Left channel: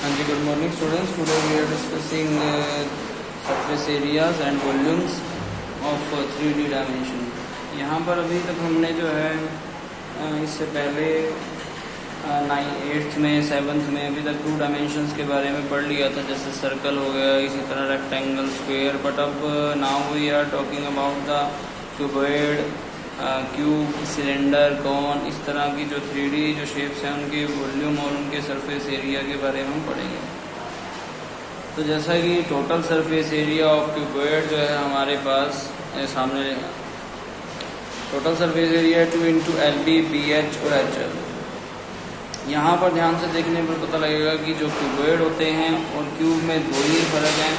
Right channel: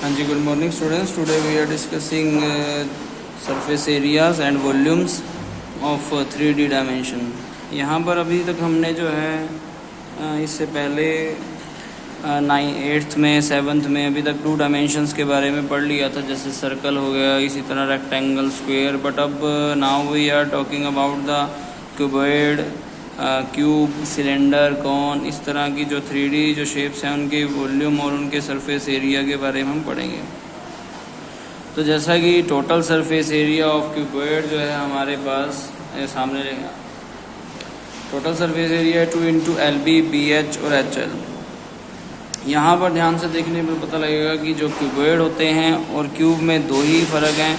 हाँ जी, good morning students. Today we are discussing surface areas and volumes of 3D dimension. यहाँ पर अभी तक हमने जो है इससे पहले 8th में 7th में अभी तक 2 डायमेंशंस के बारे में पढ़ लिया था, जैसे सर्कल हो गया, इसी तरह रेक्टेंगल, स्क्वायर। बट अब now we are talking about the cuboid, cube, cylinder, cone, इस तरह की जो 3D जो शेप्स हैं उनके वॉल्यूम और उनके सरफेस एरिया के बारे में हम पढ़ेंगे। तो जैसा कि total surface area of cuboid जो है हमारे पास सामने total surface area 2 into LB, BH और HL। यहाँ पर ध्यान से देखने पर पता लगेगा कि जो क्यूबॉइड होते हैं और क्यूब में दो ही फ़र्क हैं।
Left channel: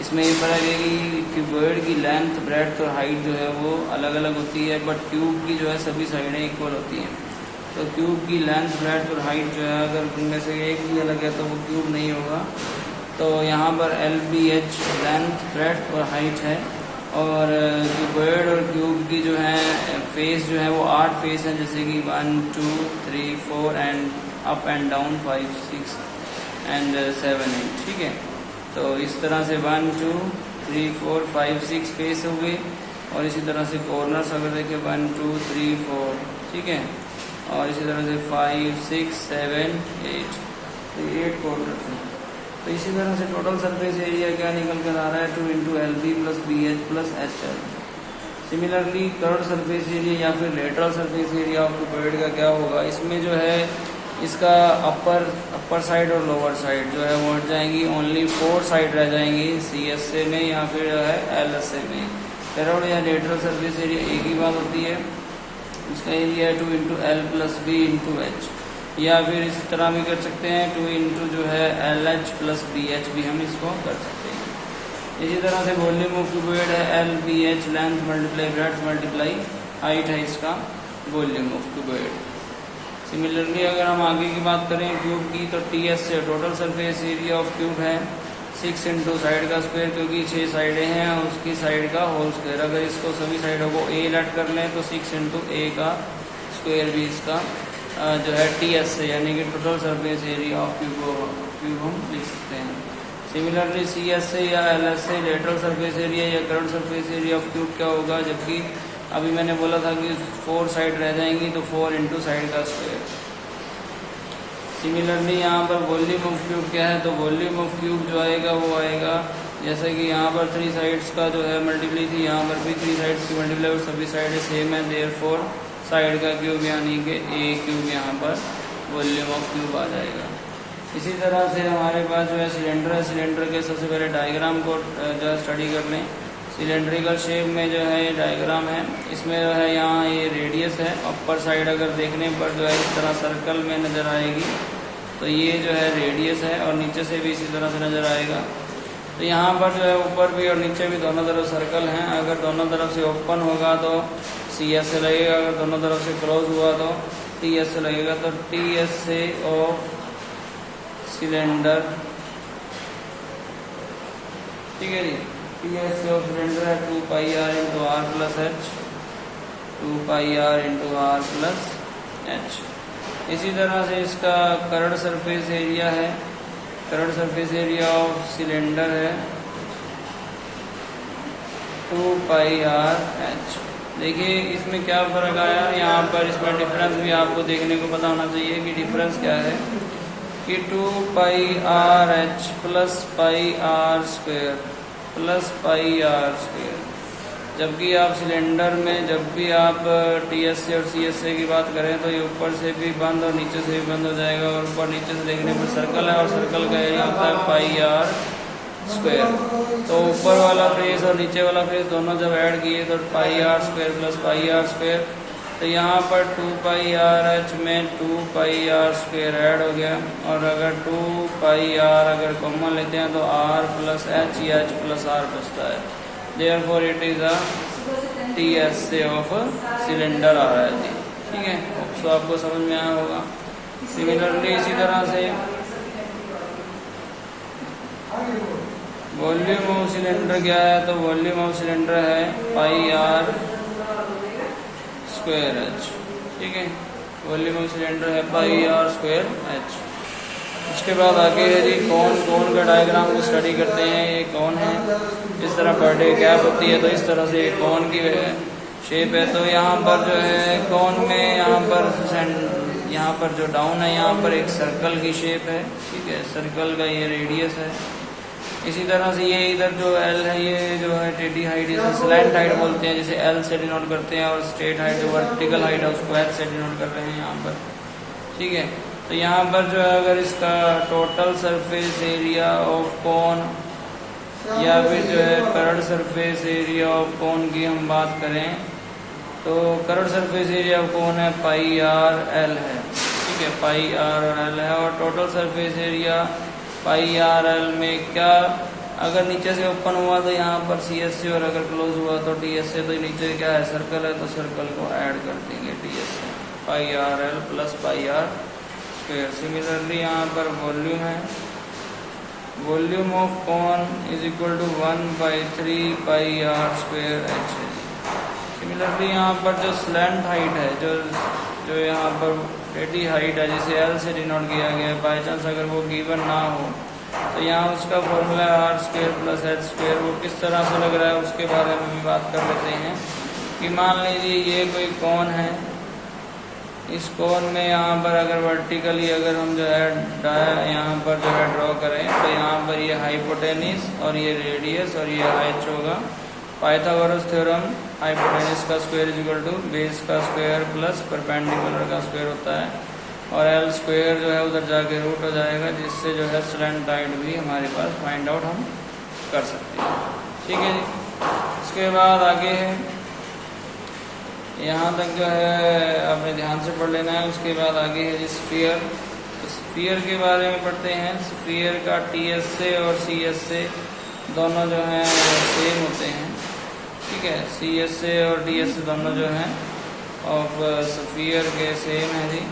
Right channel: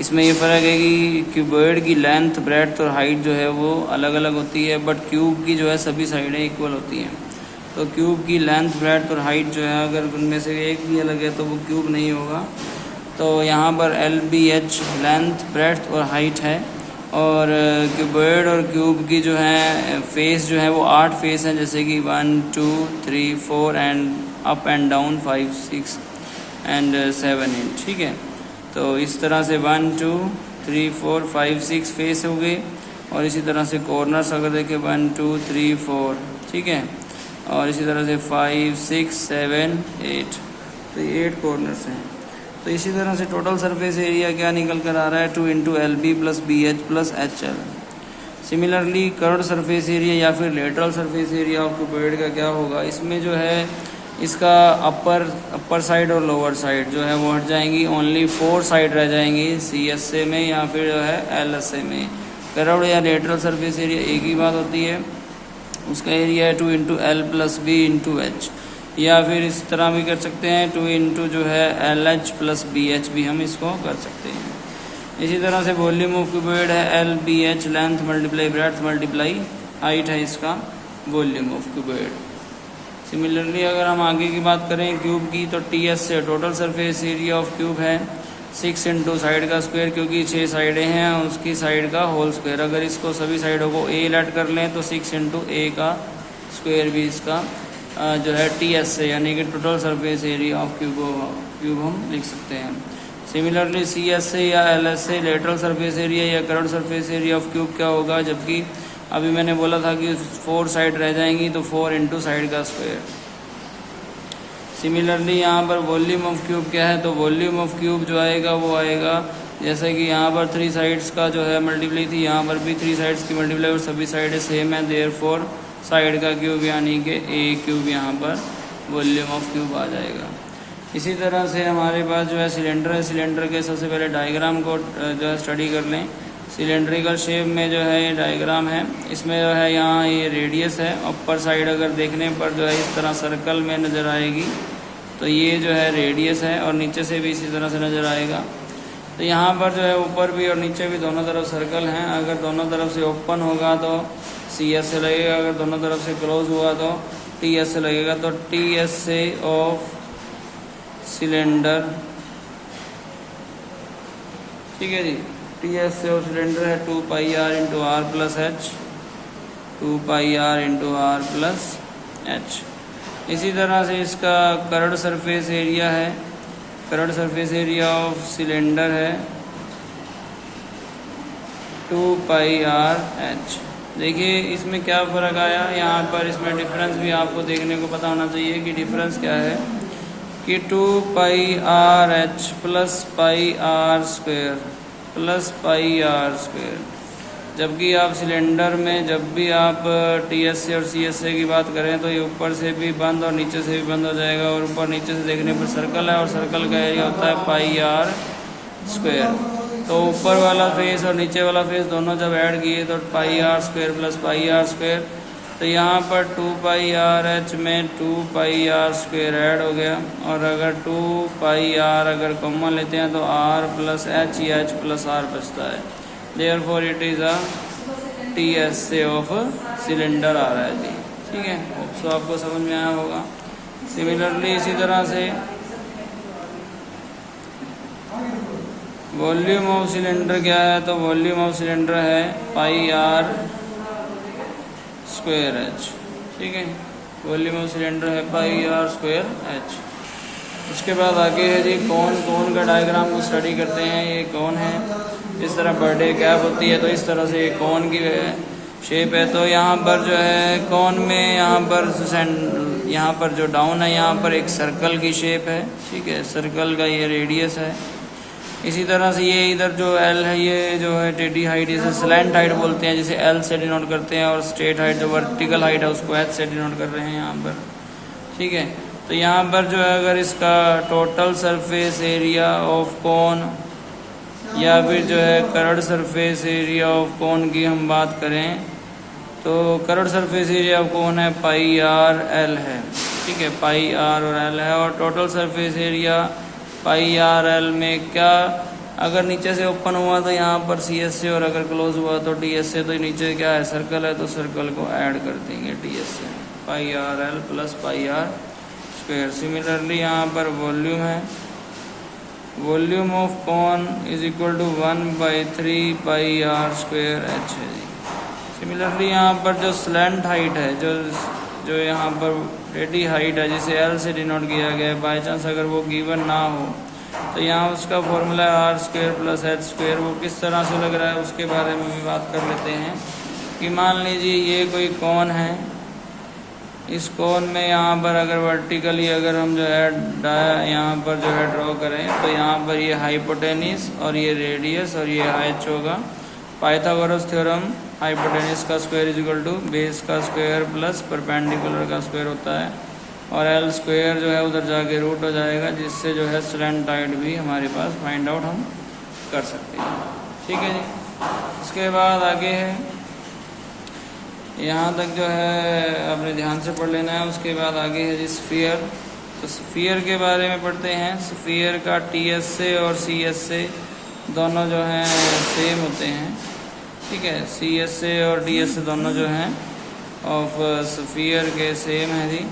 इसमें ये फ़र्क है कि क्यूबॉइड की लेंथ, ब्रेड्थ और हाइट जो है वो अलग अलग होती है, बट क्यूब की जो है सभी साइडें इक्वल होती हैं। तो क्यूब की लेंथ, ब्रेड्थ और हाइट जो है अगर उनमें से एक भी अलग है तो वो क्यूब नहीं होगा। तो यहाँ पर LBH लेंथ, ब्रेड्थ और हाइट है। और क्यूबॉइड और क्यूब की जो है फेस जो है वो 8 फेस हैं, जैसे कि 1 2 3 4 and up and down 5 6 and 7 8। ठीक है, तो इस तरह से 1 2 3 4 5 6 फेस हो गए। और इसी तरह से कॉर्नर्स अगर देखें 1 2 3 4, ठीक है, और इसी तरह से 5 6 7 8, तो ये 8 कॉर्नर्स हैं। तो इसी तरह से टोटल सरफेस एरिया क्या निकल कर आ रहा है, 2 into LB plus BH plus HL। Similarly curved surface area या फिर lateral surface area of cuboid का क्या होगा, इसमें जो है इसका अपर साइड और लोअर साइड जो है वो हट जाएंगी। ओनली 4 साइड रह जाएंगी, CSA में या फिर जो है LSA में। कर्व्ड या लेटरल सरफेस एरिया एक ही बात होती है, उसका एरिया है 2 into L plus B into H। या फिर इस तरह भी कर सकते हैं 2 इंटू जो है LH प्लस BH भी हम इसको कर सकते हैं। इसी तरह से वॉल्यूम ऑफ क्यूबॉइड है LBH, length multiply breadth multiply height है इसका वॉल्यूम ऑफ क्यूबॉइड। सिमिलरली अगर हम आगे की बात करें क्यूब की, तो TS से total surface area of cube है 6 इंटू साइड का स्क्वायर, क्योंकि 6 साइडें हैं और उसकी साइड का होल स्क्वायर। अगर इसको सभी साइडों को A लेट कर लें तो 6 इंटू A का स्क्वायर भी इसका जो है TS से, यानी कि total surface area of cube हम लिख सकते हैं। सिमिलरली CSA या LSA लेटरल सरफेस एरिया या curved surface area of cube क्या होगा, जबकि अभी मैंने बोला था कि 4 साइड रह जाएंगी तो 4 इंटू साइड का स्क्वायर। सिमिलरली यहाँ पर वॉल्यूम ऑफ क्यूब क्या है, तो वॉल्यूम ऑफ क्यूब जो आएगा वो आएगा जैसे कि यहाँ पर 3 साइड्स का जो है मल्टीप्लाई थी, यहाँ पर भी 3 साइड्स की मल्टीप्लाई और सभी साइडें सेम है, देयरफॉर साइड का क्यूब यानी कि A क्यूब यहाँ पर वॉल्यूम ऑफ क्यूब आ जाएगा। इसी तरह से हमारे पास जो है सिलेंडर है। सिलेंडर के सबसे पहले डायग्राम को जो है स्टडी कर लें। सिलेंड्रिकल शेप में जो है ये डायग्राम है, इसमें जो है यहाँ ये रेडियस है। अपर साइड अगर देखने पर जो है इस तरह सर्कल में नज़र आएगी, तो ये जो है रेडियस है और नीचे से भी इसी तरह से नज़र आएगा। तो यहाँ पर जो है ऊपर भी और नीचे भी दोनों तरफ सर्कल हैं। अगर दोनों तरफ से ओपन होगा तो CSA लगेगा, अगर दोनों तरफ से क्लोज हुआ तो TSA लगेगा। तो TSA ऑफ सिलेंडर, ठीक है जी, TSA ऑफ सिलेंडर है 2 पाई R into R plus H, 2 पाई R into R plus H। इसी तरह से इसका कर्व्ड सरफेस एरिया है, curved surface area of cylinder है 2 पाई R H। देखिए इसमें क्या फ़र्क आया, यहाँ पर इसमें डिफरेंस भी आपको देखने को पता होना चाहिए कि डिफरेंस क्या है, कि 2 पाई R H plus pi R square plus pi R square. जबकि आप सिलेंडर में जब भी आप TSA और CSA की बात करें तो ये ऊपर से भी बंद और नीचे से भी बंद हो जाएगा, और ऊपर नीचे से देखने पर सर्कल है और सर्कल का एरिया होता है पाई R स्क्वायर। तो ऊपर वाला फेस और नीचे वाला फेस दोनों जब ऐड किए तो पाई R square plus pi R square. तो यहाँ पर 2 पाई R H में 2 पाई R स्क्वायर ऐड हो गया, और अगर 2 पाई R अगर कॉमन लेते हैं तो R प्लस H या H प्लस R बचता है। Therefore it is a TSA of cylinder आ रहा है जी, ठीक है। सो आपको समझ में आया होगा। सिमिलरली इसी तरह से वॉल्यूम ऑफ सिलेंडर क्या है, तो वॉल्यूम ऑफ सिलेंडर है पाई R स्क्वायर H, ठीक है। वॉल्यूम ऑफ सिलेंडर है पाई R स्क्वायर H। उसके बाद आगे है जी कौन का डायग्राम को स्टडी करते हैं। ये कौन है, इस तरह बर्थडे कैप होती है, तो इस तरह से कौन की शेप है। तो यहाँ पर जो है कौन में यहाँ पर जो डाउन है यहाँ पर एक सर्कल की शेप है, ठीक है, सर्कल का ये रेडियस है। इसी तरह से ये इधर जो एल है ये जो है टेढ़ी हाइट, इसे स्लैंट हाइट बोलते हैं, जिसे एल से डिनोट करते हैं, और स्ट्रेट हाइट जो वर्टिकल हाइट है उसको एच से डिनोट कर रहे हैं यहाँ पर, ठीक है। तो यहाँ पर जो है अगर इसका total surface area of cone या फिर जो है curved surface area of cone की हम बात करें तो curved surface area of cone है पाई आर एल है, ठीक है, पाई आर और एल है। और total surface area pi R L में क्या, अगर नीचे से ओपन हुआ तो यहाँ पर सी एस से, और अगर क्लोज हुआ तो टी एस से, तो नीचे क्या है सर्कल है, तो सर्कल को ऐड कर देंगे टी एस से, pi R L plus pi R square. Similarly यहाँ पर वॉल्यूम है, volume of cone is equal to 1/3 pi R square H है। सिमिलरली यहाँ पर जो स्लैंट हाइट है, जो यहाँ पर टेढ़ी हाइट है जिसे एल से डिनोट किया गया है, बाई चांस अगर वो गिवन ना हो तो यहाँ उसका फॉर्मूला है r square plus h square. वो किस तरह से लग रहा है उसके बारे में भी बात कर लेते हैं कि मान लीजिए ये कोई कॉन है, इस कोन में यहाँ पर अगर वर्टिकली अगर हम जो है यहाँ पर जो है ड्रॉ करें तो यहाँ पर ये हाइपोटेनिस और ये रेडियस और ये एच होगा। पाइथागोरस थ्योरम हाइपोटेनिस का square is equal to base का स्क्वायर प्लस परपेंडिकुलर का स्क्वायर होता है, और एल स्क्वायर जो है उधर जाके रूट हो जाएगा, जिससे जो है स्लैंट हाइट भी हमारे पास फाइंड आउट हम कर सकते हैं, ठीक है जी। उसके बाद आगे यहाँ तक जो है आपने ध्यान से पढ़ लेना है। उसके बाद आगे है जी स्फीयर। तो स्फीयर के बारे में पढ़ते हैं। स्फीयर का टी एस से और सी एस से दोनों जो हैं सेम होते हैं, ठीक है, सी एस से और डी एस से दोनों जो हैं ऑफ स्फीयर के सेम है जी।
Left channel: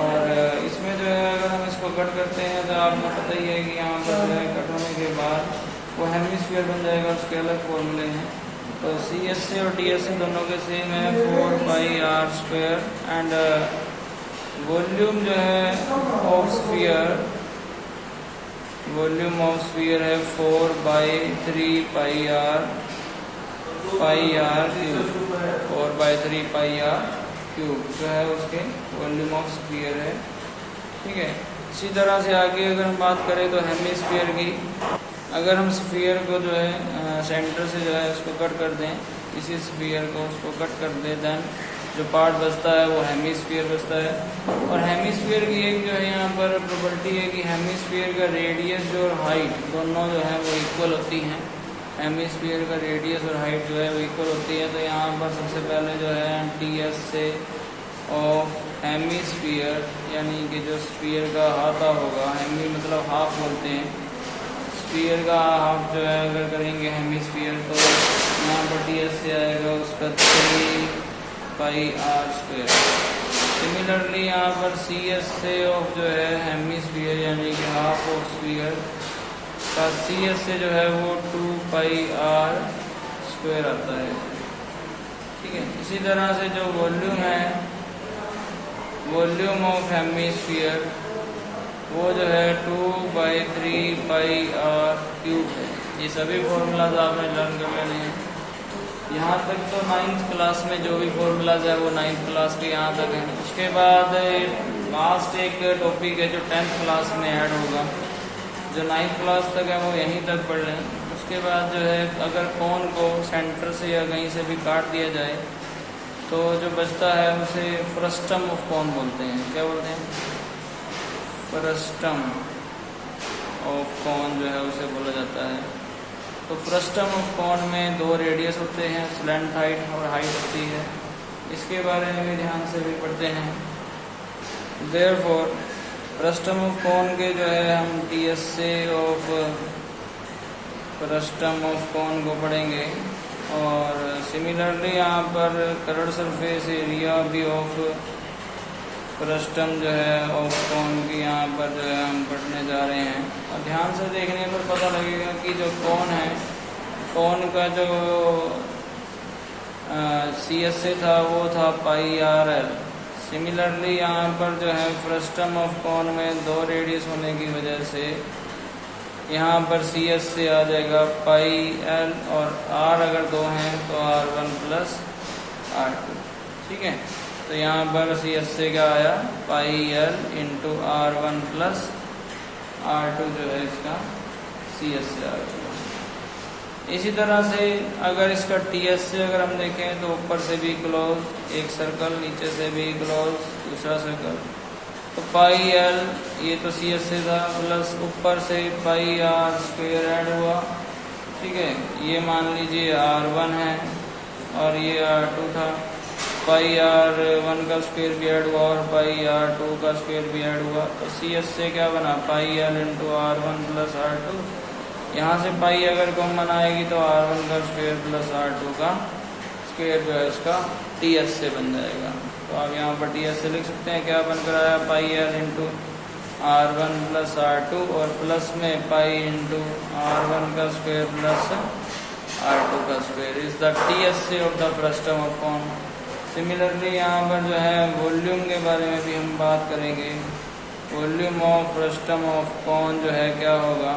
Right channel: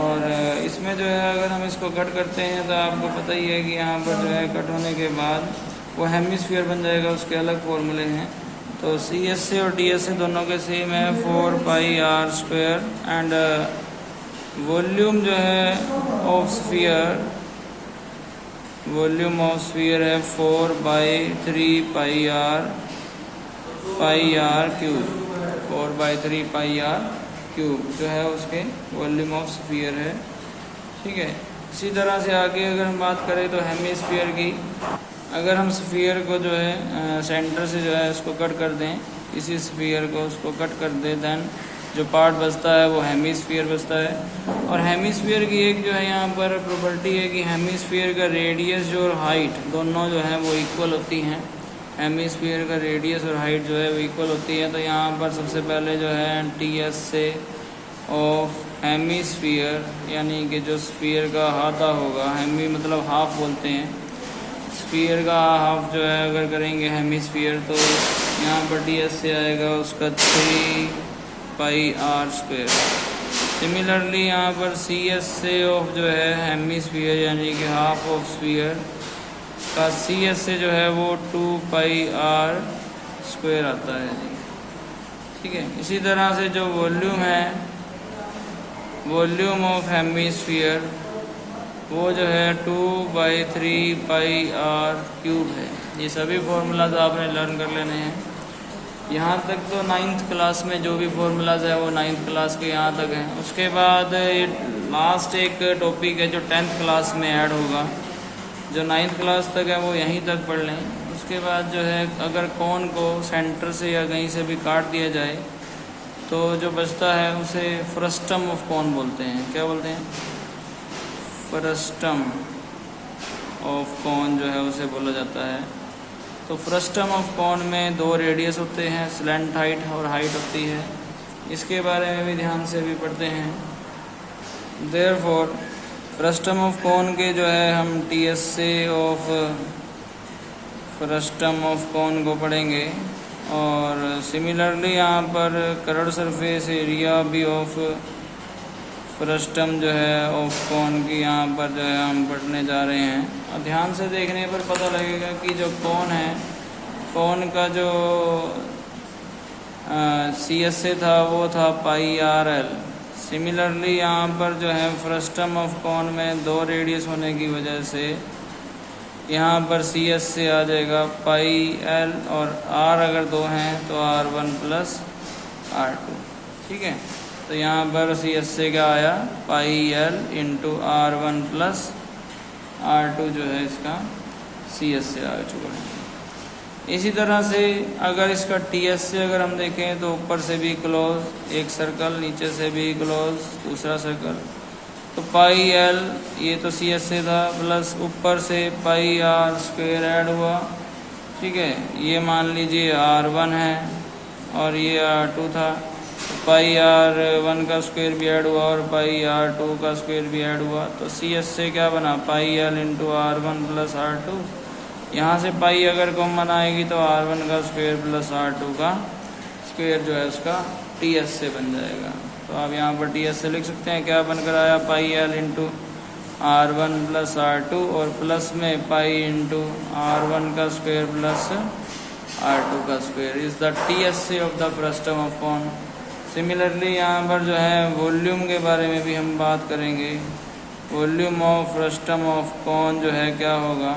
और इसमें जो है अगर हम इसको कट करते हैं तो आपको पता ही है कि यहाँ पर जो है कट होने के बाद वो हेमिस्फीयर बन जाएगा, उसके अलग फॉर्मूले हैं। तो सी एस से और डी एस से दोनों के सेम है 4 pi R square. And volume जो है of sphere, volume of sphere है 4/3 pi R cube, 4/3 pi R cube जो है उसके वॉल्यूम ऑफ स्फीयर है, ठीक है। इसी तरह से आगे अगर हम बात करें तो हेमिस्फीयर की, अगर हम स्फीयर को जो है सेंटर से जो है उसको कट कर दें, किसी स्फीयर को उसको कट कर दें, देन जो पार्ट बचता है वो हेमिस्फीयर बचता है। और हेमिस्फीयर की एक जो है यहाँ पर प्रॉपर्टी है कि हेमिस्फीयर का रेडियस जो और हाइट दोनों जो है वो इक्वल होती हैं। हेमिस्फीयर का रेडियस और हाइट जो है वो इक्वल होती है। तो यहाँ पर सबसे पहले जो है T S A of hemisphere, यानी कि जो स्फीयर का आधा होगा, हेमी मतलब हाफ बोलते हैं, स्फीयर का हाफ जो है अगर करेंगे हेमिस्फीयर तो यहाँ पर टी एस से आएगा उसका 3 पाई आर स्क्वायर। सिमिलरली यहाँ पर सी एस से ऑफ जो है हेमिस्फीयर यानी कि हाफ ऑफ स्फीयर का सी एस से जो है वो 2 पाई आर स्क्वायर आता है, ठीक है। इसी तरह से जो वॉल्यूम है, वॉल्यूम ऑफ हेमिस्फीयर वो जो है 2/3 पाई आर क्यूब है। ये सभी फॉर्मूलाज आपने लर्न कर लेने हैं। यहाँ तक तो 9th क्लास में जो भी फॉर्मूलाज है वो 9th क्लास के यहाँ तक है। उसके बाद लास्ट एक टॉपिक है जो 10th क्लास में ऐड होगा, जो 9th क्लास तक है वो यहीं तक पढ़ लें। उसके बाद जो है अगर कोन को सेंटर से या कहीं से भी काट दिया जाए तो जो बचता है उसे फ्रस्टम ऑफ कोन बोलते हैं। क्या बोलते हैं? फ्रस्टम ऑफ कोन जो है उसे बोला जाता है। तो फ्रस्टम ऑफ कोन में 2 रेडियस होते हैं, स्लैंट हाइट और हाइट होती है। इसके बारे में भी ध्यान से भी पढ़ते हैं। देयरफॉर फ्रस्टम ऑफ कोन के जो है हम T S A of frustum of cone को पढ़ेंगे। और सिमिलरली यहाँ पर कर्व्ड सरफेस एरिया भी ऑफ फ्रस्टम जो है ऑफ कोन की यहाँ पर जो है हम पढ़ने जा रहे हैं। और ध्यान से देखने पर पता लगेगा कि जो कोन है, कोन का जो सी एस से था वो था पाई आर एल, सिमिलरली यहाँ पर जो है फ्रस्टम ऑफ कॉन में 2 रेडियस होने की वजह से यहाँ पर सी एस से आ जाएगा पाई एल, और आर अगर 2 हैं तो R1 प्लस R2। ठीक है, तो यहाँ पर सी एस से क्या आया, pi L into R1 plus R2 जो है इसका सी एस से आ चुका है। इसी तरह से अगर इसका टी एस से अगर हम देखें तो ऊपर से भी क्लोज एक सर्कल, नीचे से भी क्लोज दूसरा सर्कल, तो पाई एल ये तो सी एस से था, प्लस ऊपर से पाई आर स्क्वायर ऐड हुआ। ठीक है, ये मान लीजिए R1 है और ये R2 था, पाई R1 का स्क्वायर भी ऐड हुआ और पाई R2 का स्क्वायर भी ऐड हुआ, तो सी एस से क्या बना, pi L into R1 plus R2। यहाँ से पाई अगर कॉमन आएगी तो R1 का स्क्वायर प्लस R2 का स्क्वायर जो है उसका टी एस से बन जाएगा। तो आप यहाँ पर टी एस से लिख सकते हैं, क्या बनकर आया, pi L into R1 plus R2 और प्लस में पाई इंटू R1 का स्क्वायर प्लस R2 का square is the T S A of the frustum of cone. Similarly यहाँ पर जो है वॉल्यूम के बारे में भी हम बात करेंगे। Volume of frustum of cone जो है क्या होगा,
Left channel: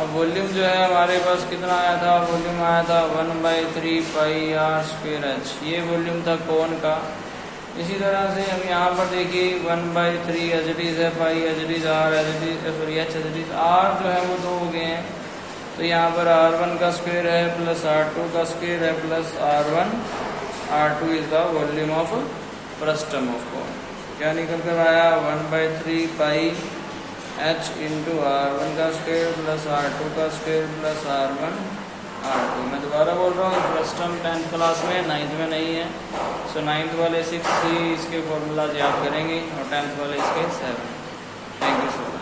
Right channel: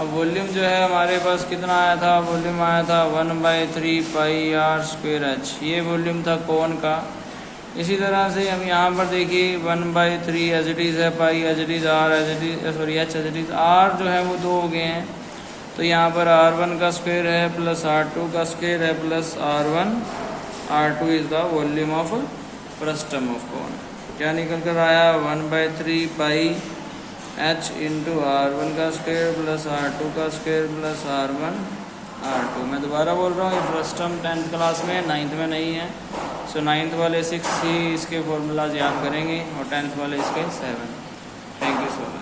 अब वॉल्यूम जो है हमारे पास कितना आया था, वॉल्यूम आया था 1/3 पाई आर स्क्वायर एच, ये वॉल्यूम था कॉन का। इसी तरह से हम यहाँ पर देखिए 1/3 एच इट इज है, pi H it is, R H it is, sorry H H it is, R जो है वो 2 हो गए हैं, तो यहाँ पर R1 का स्क्वायर है प्लस R2 का स्क्वायर है plus R1, R2 is the volume of frustum of cone. क्या निकल कर आया, 1/3 पाई एच इंटू R1 का स्क्वायर प्लस R2 का स्क्वायर प्लस R1 R2। मैं दोबारा बोल रहा हूँ, फ्रस्टम 10th क्लास में, 9th में नहीं है। सो 9th वाले 6 ही इसके फॉर्मूलाज याद करेंगे और 10th वाले इसके 7। Thank you so much.